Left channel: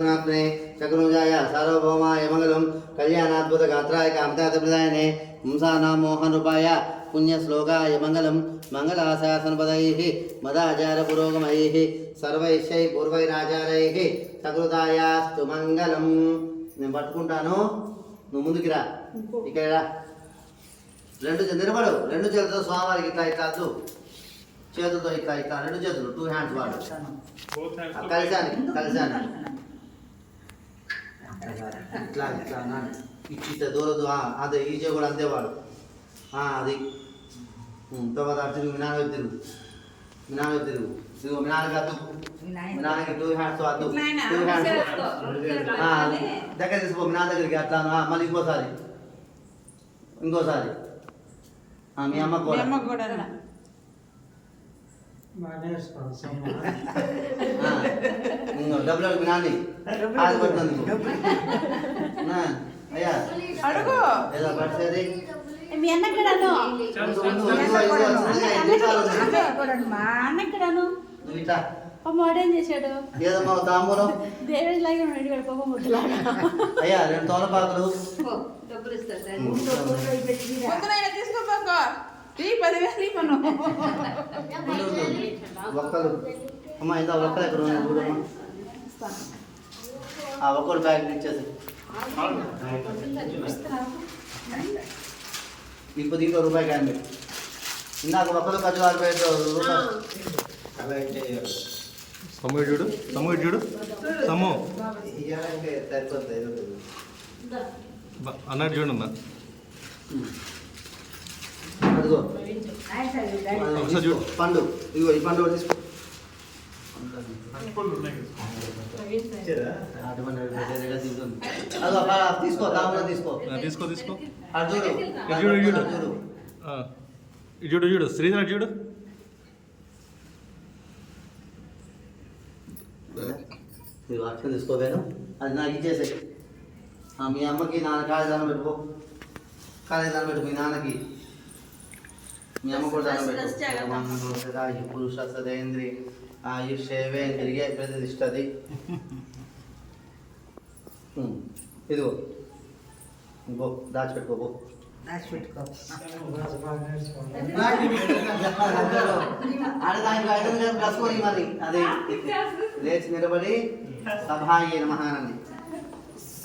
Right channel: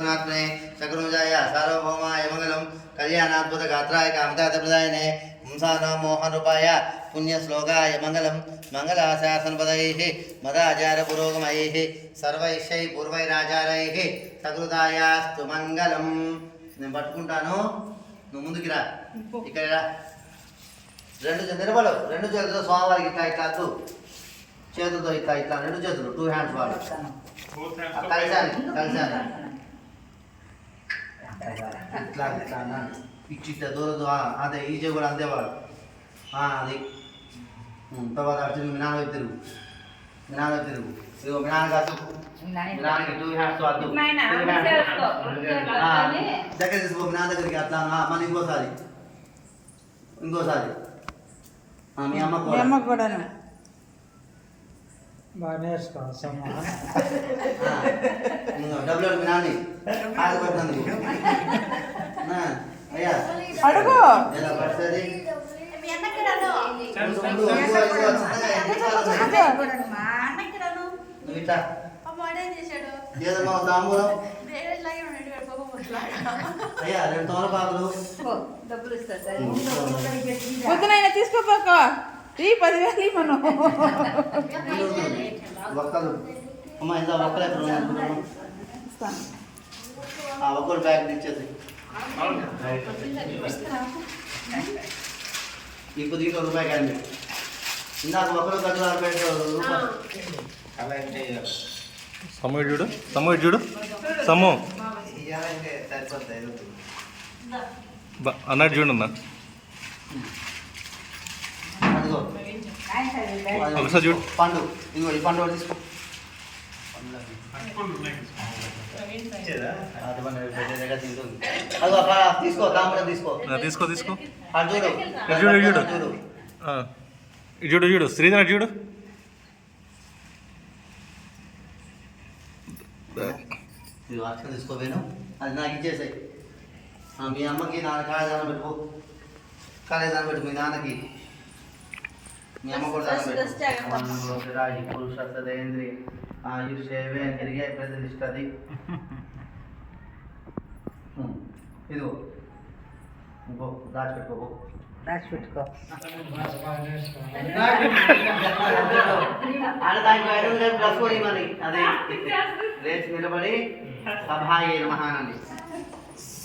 शकुनुजाय सार्वभौमाय मंगलम कल्याणाद्भुत गात्राय कामदाप्रदायने हंसानां मोहनरूपाय पुण्यश्लोकाय मंगलम मंगलाशासनपदैः मदाचार पुरोगमैः सर्वैश्चै पूर्वैराचारैः सकृतायास्तु मंगलम నేను పట్టుకుంటాను నువ్వు ముందుకి రా ఇక్కడ రా రెండు నిలబడు రెండు చేతులతో స్వామివారికి ఇట్లా ఇట్లా చేతులతో ఇట్లా ఇట్లా రెండు చేతులు 2 హ్యాండ్స్ వాడు కలిసాను ఇట్లా ఇట్లా అన్నాను ఇట్లా దూరదు అదే ఈజీ కూడా అందేవాడు అది తర్వాత తిరుగు మీ నాన్న తిరుగు ఇదిగో మీ నాన్న కాదు మీ నాన్నకి 2 హ్యాండ్స్ వద్దు 2 హ్యాండ్స్ దగ్గర తీసుకో మీ నాన్న దగ్గరికి అట్లా మళ్ళీ ఇంకోసారి మీ అమ్మ కూడా డబ్బులు మీ నాని ఆశపడుతుంది అయ్యా ఎలా పడుతుంది అయ్యా 2 తోలపాకులు డబ్బులు ఇస్తాడు తీసుకోపోక 10,000 ఒక్కలు అమ్మ ఇంత ఒక్కలు ఎక్కడ ఆ ఒక్కలు బ్యాగ్ ఇచ్చేది ఇంకో దీంట్లో రూపాయి కానీ ఇందాక ఒక్కలు 10,000 రూపాయలు తమ్ముడు చూడు సమ్ము అన్నట్టు చూడన్నా ఒకసారి చూడు పండు ఇదిగో ఈ పండు తీసుకో తీసుకో తాంబూలం తీసుకో చూడు శ్రీధర్ చూడు ఇది వాటిని తీసుకోవేను అది నాకు ఇచ్చేసే మీ అమ్మకి నాన్న కాళేదానం పెట్టుకో మీ నాన్నకి మీ అమ్మ కూడా దానం పెట్టు పురుష సదేంద్రియ ఆయుషేవేంద్రియ ప్రతిష్టది ఇదిగో ఇంకో దాచిపెట్టుకో మరి అదే లేచి నిలబడి సభాయి మహానంది